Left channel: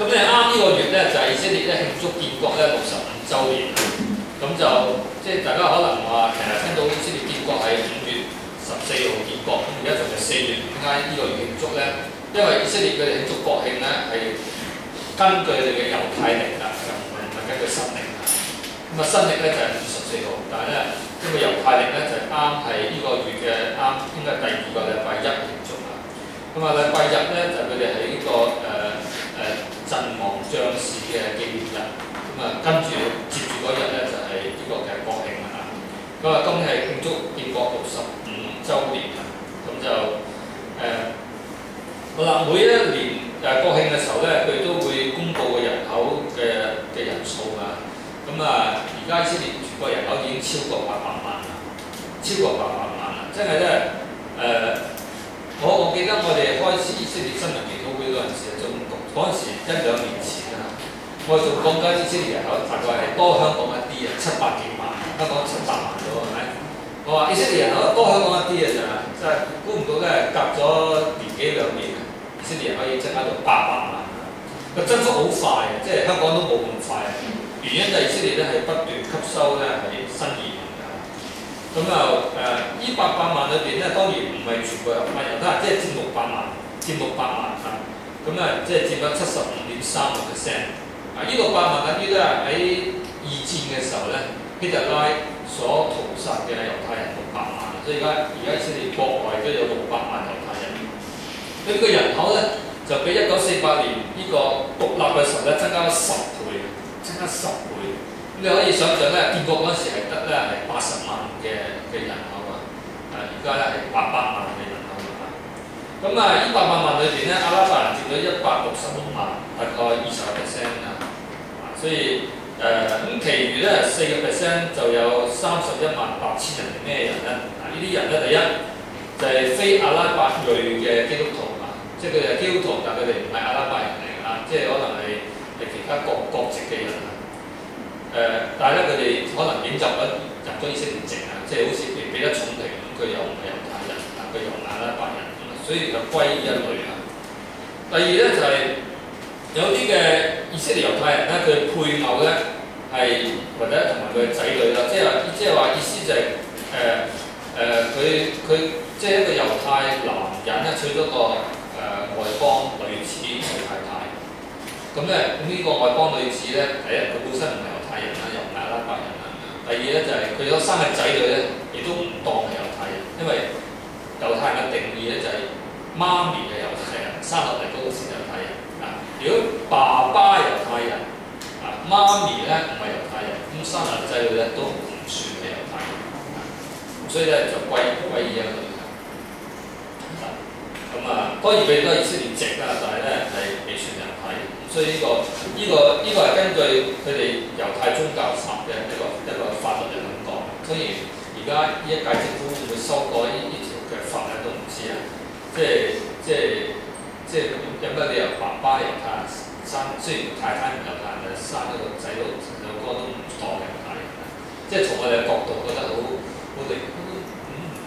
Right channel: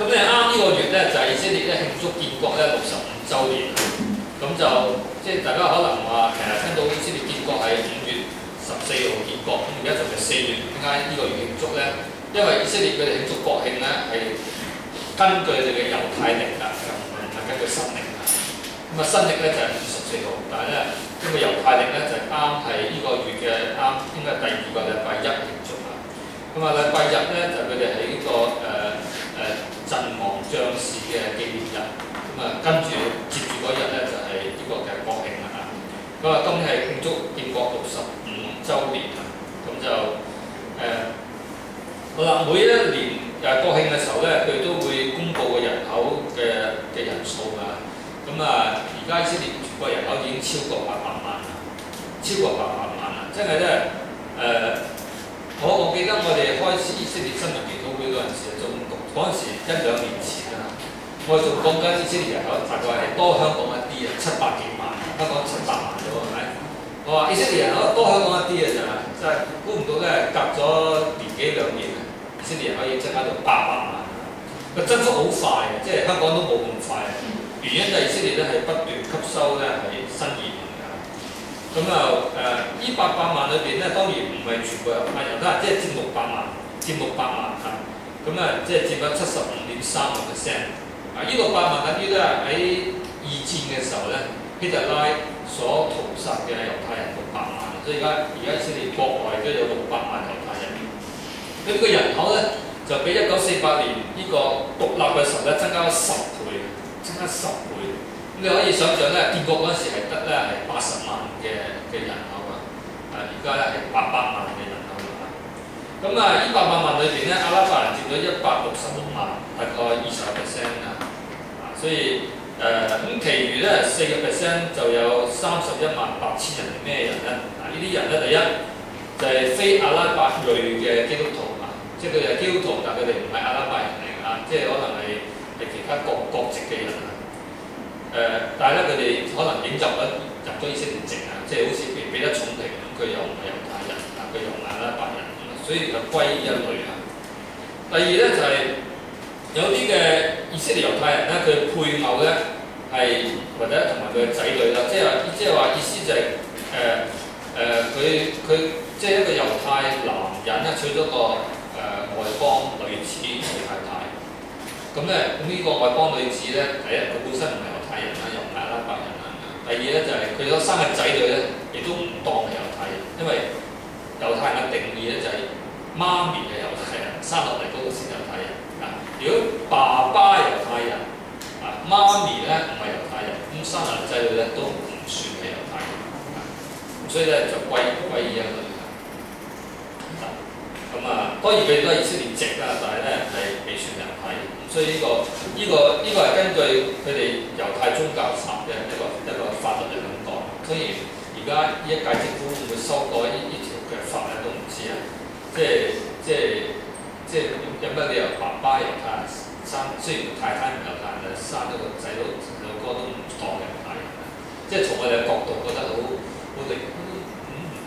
咁咧啱呢個月咧就係以色列咧慶祝建國咧65週年，咁就即係大家可能話成日聽到以色列建國係5月14號建國，咁而家仲係4月，點解呢個月慶祝咧？因為以色列佢哋慶祝國慶咧係根據佢哋嘅猶太曆啦，唔係根據新曆啦。咁啊新曆咧就係5月14號，但係咧因為猶太曆咧就啱係呢個月嘅啱應該係第2個禮拜一慶祝啊。咁啊禮拜日咧就佢哋喺呢個陣亡將士嘅紀念日，咁啊跟住接住嗰日咧就係呢個嘅國慶啦。咁啊今日係慶祝建國65週年啊，咁就好啦，每一年國慶嘅時候咧，佢都會公布個人口嘅人數啊。咁啊，而家以色列全國人口已經超過800萬啦，超過800萬啦，真係咧我記得我哋開始以色列新聞研討會嗰陣時，仲嗰陣時1-2年前啊，我仲講緊以色列人口大概係多香港一啲啊，700幾萬，香港700萬咗係咪？我話以色列人口多香港一啲啊，真係估唔到咧，隔咗年幾2年，以色列人可以增加到800萬，個增速好快嘅，即係香港都冇咁快。原因就係以色列咧係不斷吸收咧係新移民㗎。咁啊呢800萬裏邊咧，當然唔係全部猶太人啦，即係佔600萬，佔600萬嚇。咁啊即係佔咗75.3%。呢個8萬等於咧喺二戰嘅時候咧，希特拉所屠殺嘅猶太人600萬，所以而家以色列國內都有600萬猶太人。佢呢個人口咧就比1948年呢個獨立嘅時候咧增加咗10倍，增加10倍。咁你可以想象咧，建國嗰陣時係得咧係80萬嘅人口啊，而家咧係800萬嘅人口啊。咁啊，呢800萬裏邊咧，阿拉伯人佔咗166萬，大概20%啊。所以咁其餘咧4%就有318000人係咩人咧？呢啲人咧第一就係非阿拉伯裔嘅基督徒啊，即係佢哋係基督徒，但佢哋唔係阿拉伯人嚟㗎，即係可能係其他國籍嘅人啊。但係咧佢哋可能已經入咗以色列籍啊，即係好似譬如彼得重提咁，佢又唔係猶太人，但佢又唔係阿拉伯人，所以就歸一類啊。第二咧就係有啲嘅以色列猶太人咧，佢配偶咧係或者同埋佢嘅仔女啦，即係話意思就係佢即係一個猶太男人咧娶咗個外邦女子做太太。咁咧呢個外邦女子咧，第一佢本身唔係猶太人啦，又唔係阿拉伯人啦。第二咧就係佢所生嘅仔女咧，亦都唔當係猶太人，因為猶太人嘅定義咧就係媽咪嘅猶太人，生落嚟嗰個先猶太人。如果爸爸猶太人，媽咪咧唔係猶太人，咁生嚟仔女咧都唔算係猶太人，所以咧就歸依一類啦。咁當然佢哋都係以色列籍啦，但係咧係未算猶太人。所以呢個係根據佢哋猶太宗教法嘅一個法律嚟咁講。所以而家呢一屆政府會唔會修改呢條嘅法咧都唔知啊。即係有乜理由爸爸猶太人生，雖然太太唔猶太人，生咗個仔佬哥都唔當猶太人啊！即係從我哋嘅角度覺得好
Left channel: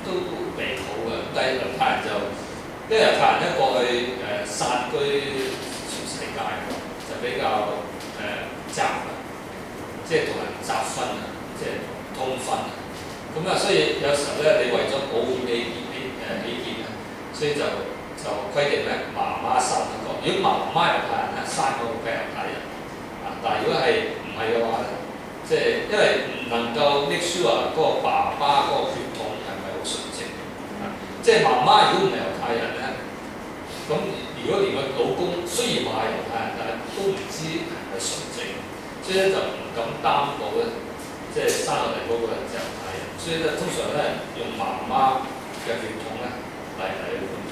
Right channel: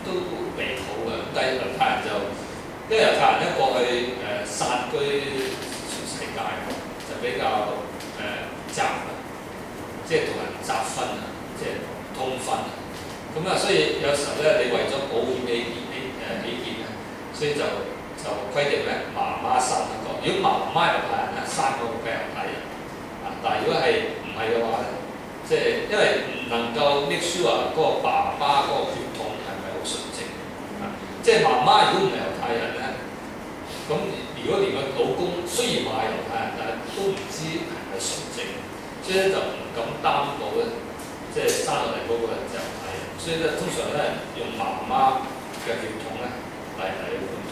都離譜嘅。但係猶太人就因為猶太人咧過去散居全世界，就比較雜啊，即係同人雜婚啊，即係通婚啊。咁所以有時候咧，你為咗保護起見啊，所以就規定咧，媽媽生一個。如果媽媽猶太人咧，生嗰個係猶太人啊。但係如果係唔係嘅話咧，即係因為唔能夠 make sure 嗰個爸爸嗰個血統係咪好純正啊？即係媽媽如果唔係猶太人咧，咁如果連個老公雖然話係猶太人，但係都唔知係咪純正，所以咧就唔敢擔保咧，即係生落嚟嗰個人就係猶太人。所以咧通常咧用媽媽嘅血統咧嚟判斷。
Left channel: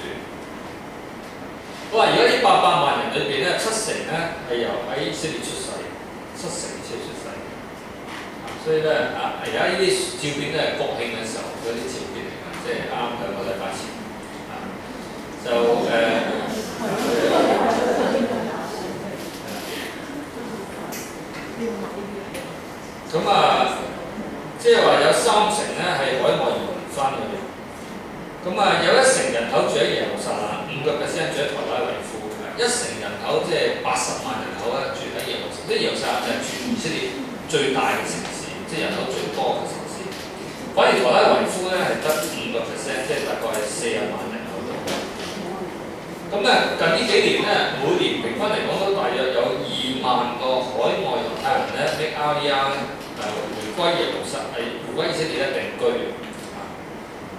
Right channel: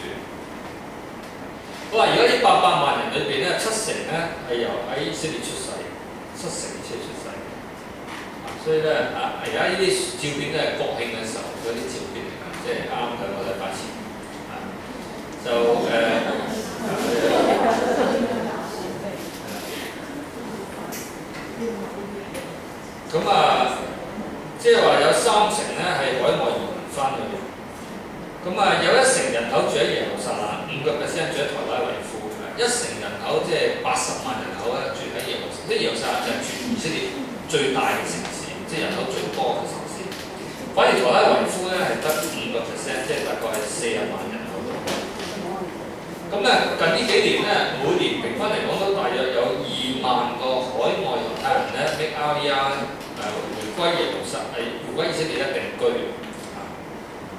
好啦，而家呢800萬人裏邊咧，70%咧係由喺以色列出世，70%以色列出世。所以咧而家呢啲照片咧係國慶嘅時候嗰啲照片嚟㗎，即係啱2個禮拜前即係話有30%咧係海外移民翻去。有1成人口住喺耶路撒冷，5% 住喺台拉維夫，1成人口即係80萬人口咧住喺耶路撒冷，即係耶路撒冷就係全以色列最大嘅城市，即係人口最多嘅城市。反而特拉維夫咧係得5%，即係大概係40萬人口度。咁咧近呢幾年咧，每年平均嚟講都大約有2萬個海外猶太人咧 make Aliyah 回歸耶路撒冷，回歸以色列咧定居。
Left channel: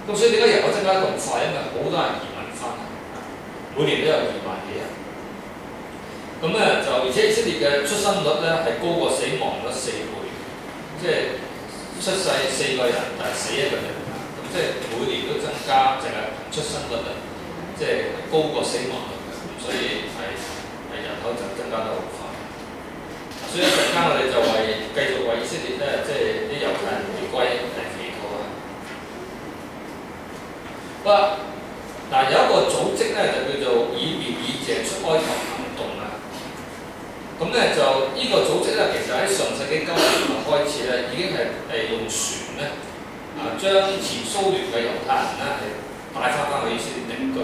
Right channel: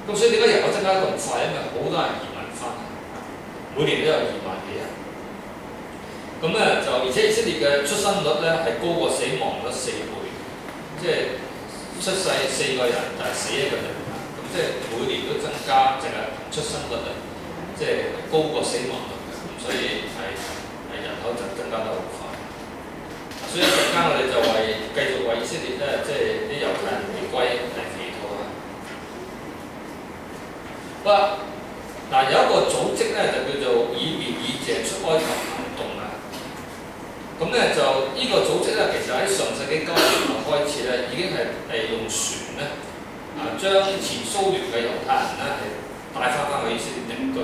咁所以點解人口增加得咁快？因為好多人移民翻，每年都有2萬幾人。咁咧就而且以色列嘅出生率咧係高過死亡率4倍，即係出世4個人，但係死1個人。咁即係每年都增加，淨係出生率咧，即係高過死亡率嘅。咁所以係人口就增加得好快。所以一陣間我哋就繼續為以色列咧，即係啲猶太人回歸嚟祈禱啊！好，嗱有一個組織咧就叫做以別以謝出埃及行動啊。咁咧就呢個組織咧，其實喺上世紀90年代開始咧，已經係用船咧將前蘇聯嘅猶太人咧係帶翻去以色列定居。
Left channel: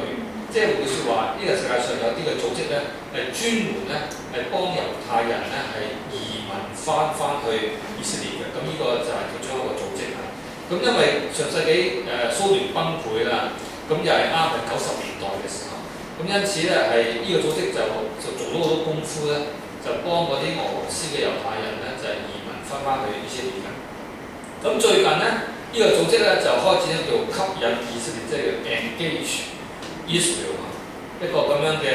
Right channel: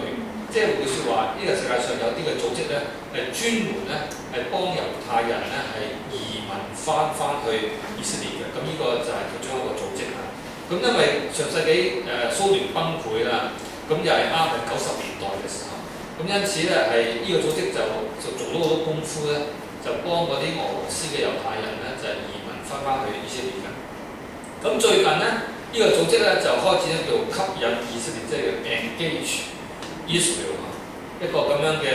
即係換句説話，呢個世界上有啲嘅組織咧係專門咧係幫猶太人咧係移民翻去以色列嘅。咁呢個就係其中一個組織啦。咁因為上世紀蘇聯崩潰啦，咁又係啱係90年代嘅時候，咁因此咧係呢個組織就做咗好多功夫咧，就幫嗰啲俄羅斯嘅猶太人咧就係移民翻去以色列嘅。咁最近咧呢個組織咧就開始咧叫吸引以色列，即係叫 engage Israel 一個咁樣嘅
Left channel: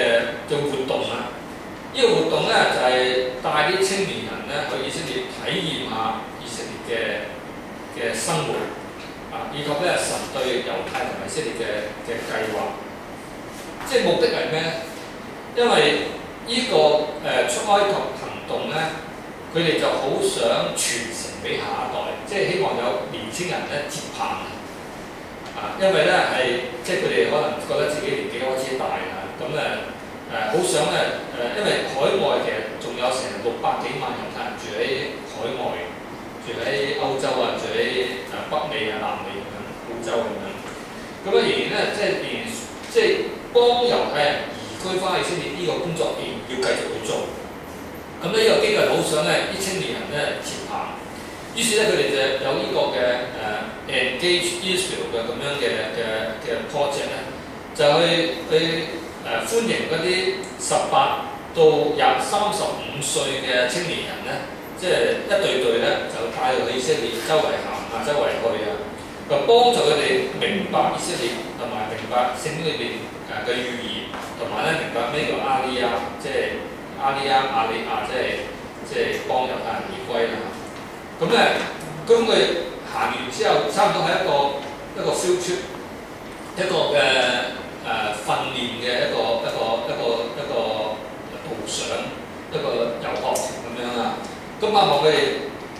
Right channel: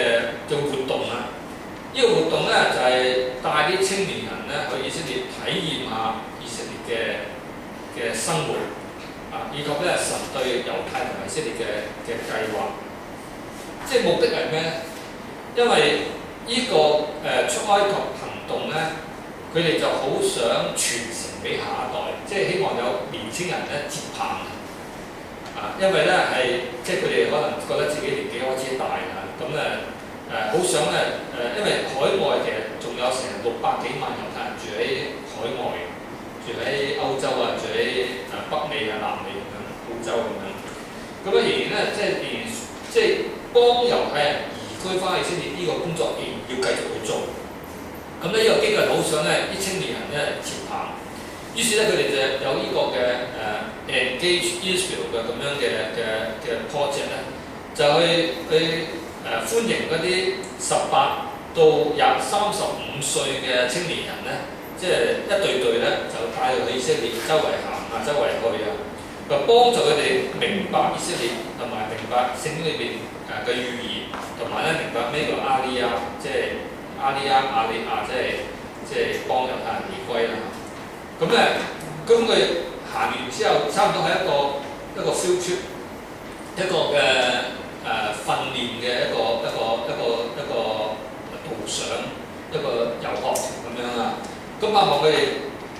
活動啊！呢個活動咧就係帶啲青年人咧去以色列體驗下以色列嘅生活啊，以及咧神對猶太同埋以色列嘅計劃。即係目的係咩咧？因為呢個出埃及行動咧，佢哋就好想傳承俾下一代，即係希望有年青人咧接棒。因為咧係即係佢哋可能覺得自己年紀開始大啦，咁好想咧因為海外其實仲有成600幾萬猶太人住喺海外，住喺歐洲啊，住喺北美啊、南美咁樣，澳洲咁樣。咁仍然咧即係幫猶太人移居翻去以色列呢個工作，仍然要繼續去做。咁呢個機構好想咧啲青年人咧接棒。於是咧，佢哋就有呢個嘅Engage Israel 嘅咁樣嘅 project 咧，就去歡迎嗰啲18到35歲嘅青年人咧，即係一隊咧就帶佢去以色列周圍行啊，周圍去啊，就幫助佢哋明白以色列同埋明白聖經裏邊嘅寓言，同埋咧明白咩叫阿利亞，即係阿利亞，即係幫猶太人回歸啦。咁佢行完之後，差唔多係一個 field trip， 一個嘅訓練嘅一個導賞，一個遊學團咁樣啊。咁望佢哋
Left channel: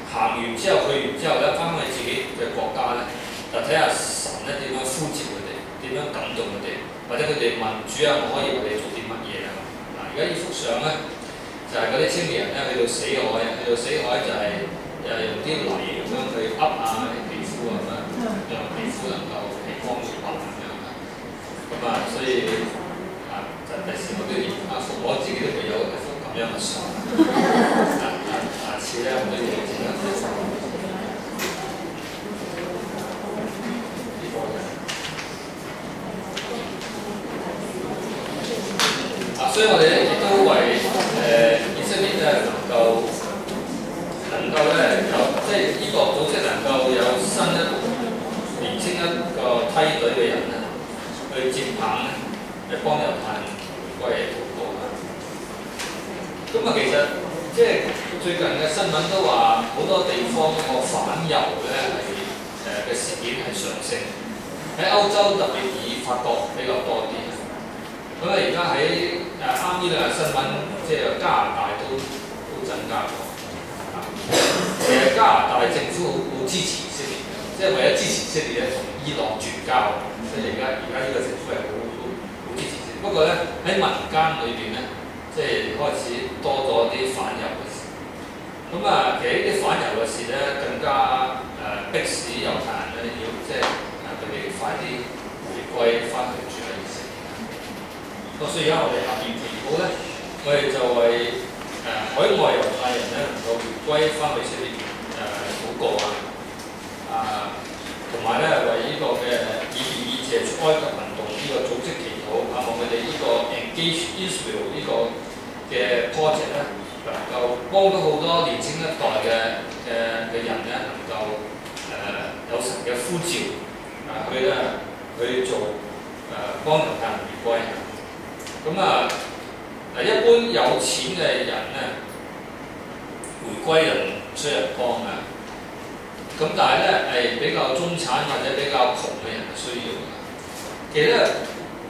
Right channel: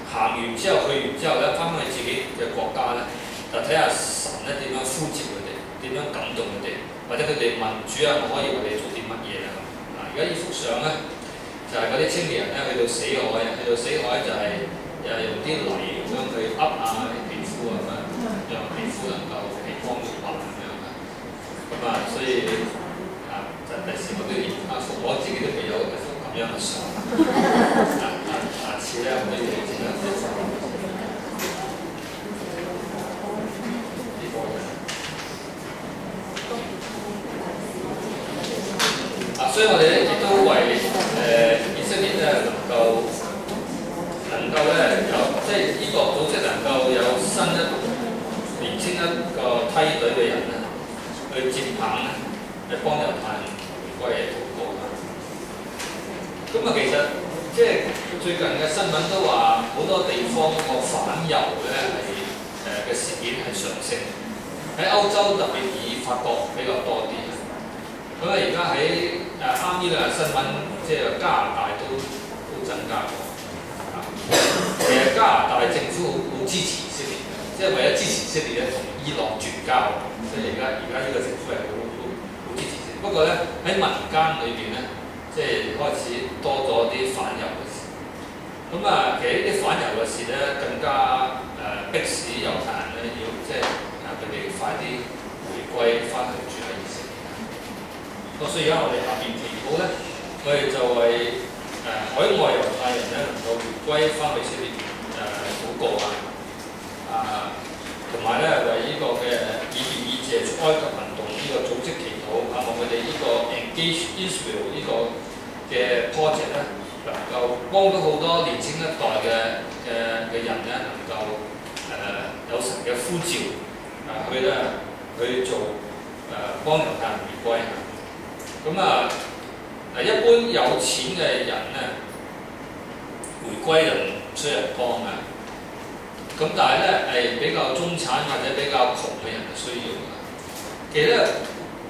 行完之後，去完之後咧，翻去自己嘅國家咧，就睇下神咧點樣呼召佢哋，點樣感動佢哋，或者佢哋問主啊，我可以為你做啲乜嘢啊？嗱，而家呢幅相咧，就係嗰啲青年人咧去到死海就係、用啲泥咁樣去噏下啲皮膚咁樣，讓皮膚能夠皮光肉滑咁樣啊。咁所以就第時我都要我自己都未有一幅咁樣嘅相。下次咧我都要整一幅呢個嘅。所以我哋咧亦都為以色列咧能夠咧有即係呢個組織能夠有年青一個梯隊嘅人咧，去接棒咧，嚟幫猶太人回歸嚟禱告啦。咁其實即係最近嘅新聞都話，好多地方個反猶咧係嘅事件係上升，喺歐洲特別以法國比較多啲。咁而家喺啱呢兩日新聞，即係加拿大都增加過。其實加拿大政府好支持以色列嘅，即係為咗支持以色列咧，同伊朗絕交。所以而家呢個政府係好支持以色列。不過咧喺民間裏邊咧，即係開始多咗啲反猶嘅事。咁其實呢啲反猶嘅事咧，更加迫使猶太人咧要即係佢哋快啲回歸翻去住喺以色列。所以而家我哋下邊祈禱咧，我哋就為海外猶太人咧能夠回歸翻以色列禱告同埋咧為呢個嘅以謝出埃及運動呢個組織祈禱望佢哋呢個 Engage Israel 呢個嘅 project 咧能夠幫到好多年青一代嘅人咧能夠有神嘅呼召去做幫猶太人回歸。咁一般有錢嘅人咧，回歸就唔需要人幫嘅。咁但係咧係比較中產或者比較窮嘅人係需要嘅。其實咧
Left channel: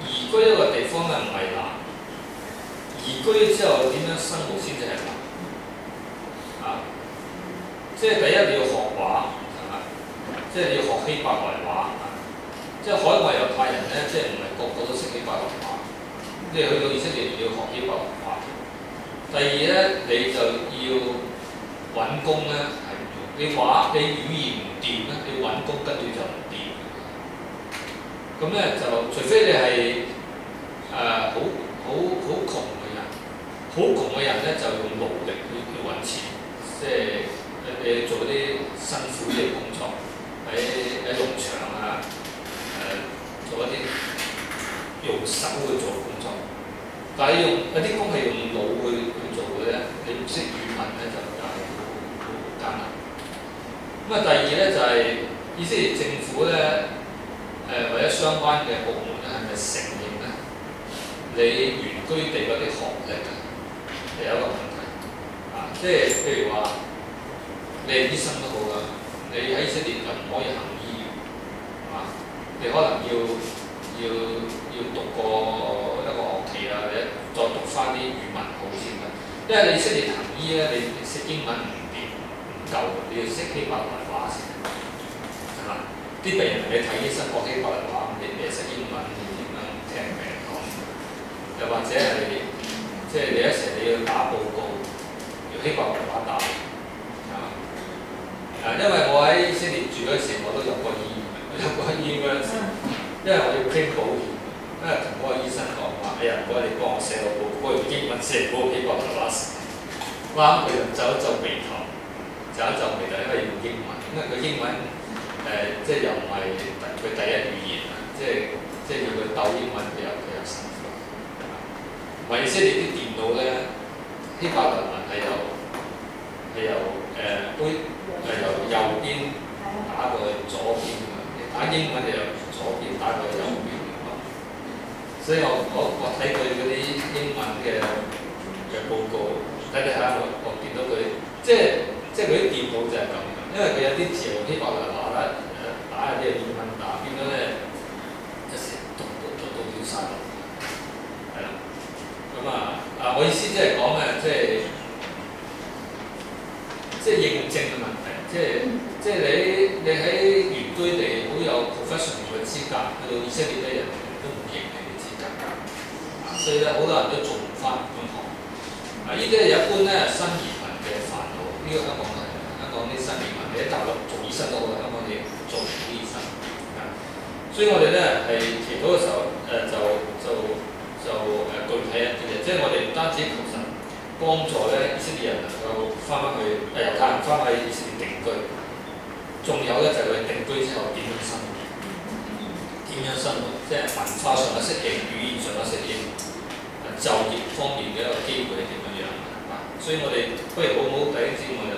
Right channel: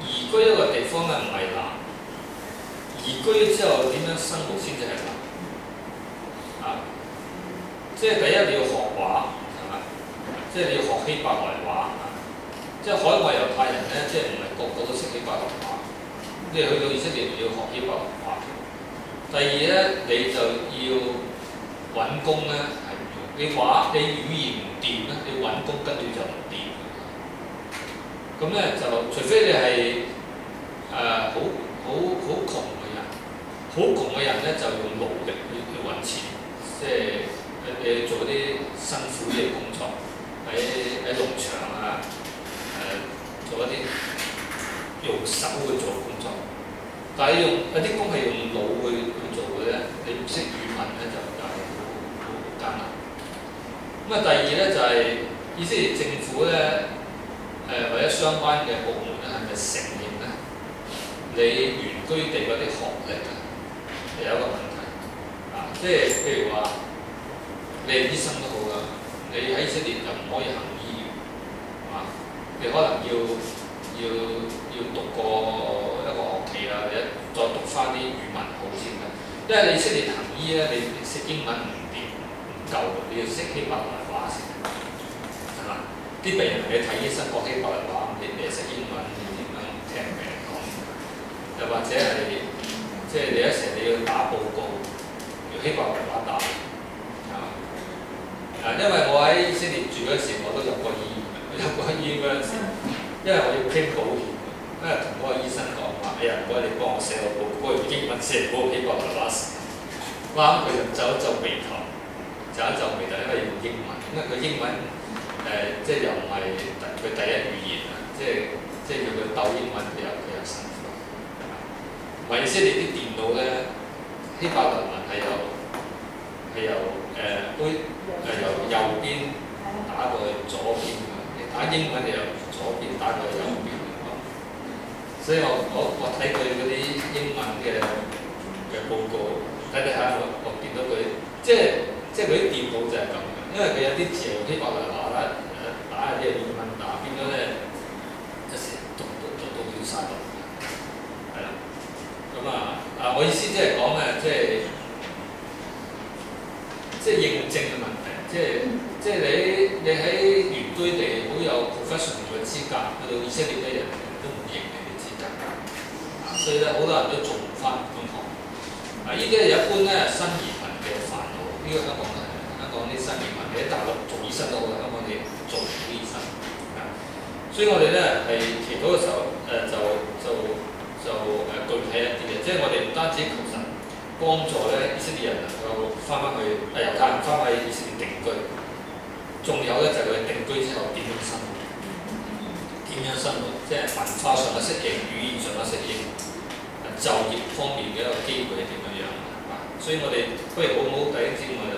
移居一個地方咧唔係難，移居之後點樣生活先至係難。即係第一你要學畫，係咪？即係你要學希伯來話。即係海外猶太人咧，即係唔係個個都識希伯來話。你去到以色列要學希伯來話。第二咧，你就要揾工咧，係你語言唔掂咧，你揾工跟住就唔掂。咁咧就除非你係好窮嘅人，好窮嘅人咧就用勞力去揾錢，即係你做啲辛苦嘅工作，喺農場做一啲用手去做工作。但係有啲工係用腦去做嘅咧，你唔識語文咧就係好艱難。咁第二咧就係以色列政府咧或者相關嘅部門咧係咪承認咧你原居地嗰啲學歷係有一個問題即係譬如話你係醫生都好啦，你喺以色列就唔可以行醫院你可能要讀過一個學期或者再讀翻啲語文好先嘅，因為你以色列行醫咧，你識英文唔掂唔夠，你要識希伯來話先係嘛？啲病人你睇醫生講希伯來話，你識英文你點樣聽病人講？又或者係即係你有時你要打報告，要希伯來話打因為我喺以色列住嗰時，我都入過醫院嗰陣時，因為我要 claim 保險，因為同嗰個醫生講話，唔該你幫我寫個報告，用英文寫嗰個希伯來話時，啱佢就皺一皺眉頭，因為用英文，因為佢英文即係又唔係佢第一語言即係叫佢鬥英文，佢又辛苦。以色列啲電腦咧，希伯來文係由右邊打過去左邊打英文就由左邊打過去右邊所以我睇佢嗰啲英文嘅報告，睇下我見到佢即係佢啲電腦就係咁嘅，因為佢有啲字用希伯來話打有啲英文打，變咗咧一時讀到亂晒龍，係啦。咁我意思即係講即係認證嘅問題，即係你喺原居地好有 professional 嘅資格，去到以色列咧人都唔認你嘅資格，所以咧好多人都做唔翻本行。呢啲係一般咧新移民嘅煩惱，呢個香港啲新移民你喺大陸做醫生都好啦，香港你做唔到醫生。所以我哋咧係祈禱嘅時候具體一啲嘅，即係我哋唔單止求神幫助咧以色列人能夠翻返去猶太人翻去以色列定居，仲有咧就係佢定居之後點樣生活，即係文化上嘅適應、語言上嘅適應、就業方面嘅一個機會係點樣所以我哋不如好好弟兄姊妹就